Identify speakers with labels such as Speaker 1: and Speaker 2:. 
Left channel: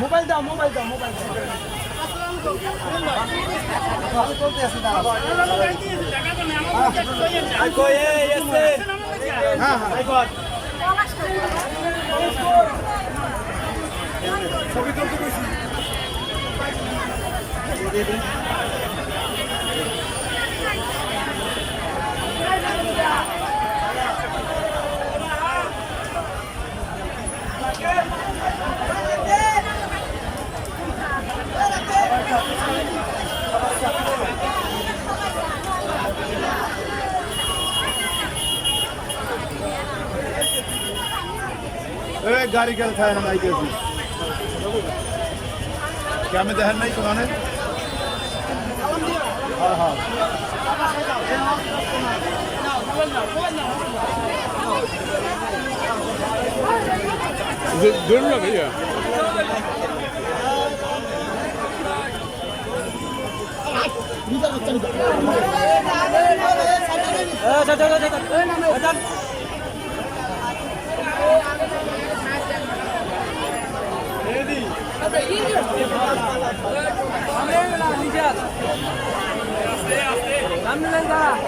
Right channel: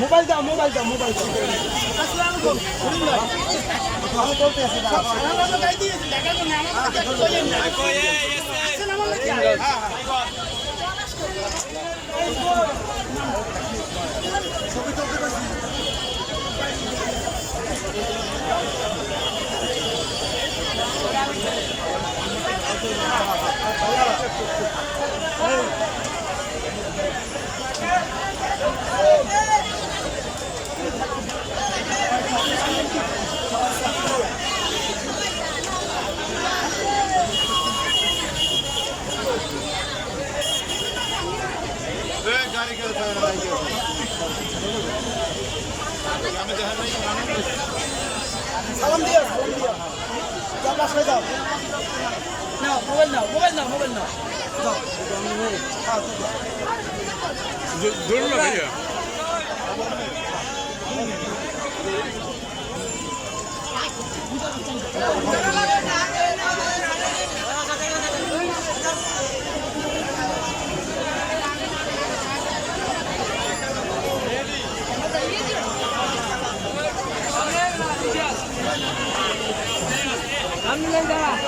Speaker 1: Mobile দাও mobile দাও mobile দাও। আমি বলতে আছি, দাঁড়াও। হ্যাঁ হ্যাঁ ছবি তুলতে কইছি। এ গাড়ি গেল খায় না গেছি গ্রামে দেখেন নাই কোনো দাও না মোবাইল নাও
Speaker 2: 何
Speaker 1: 年だ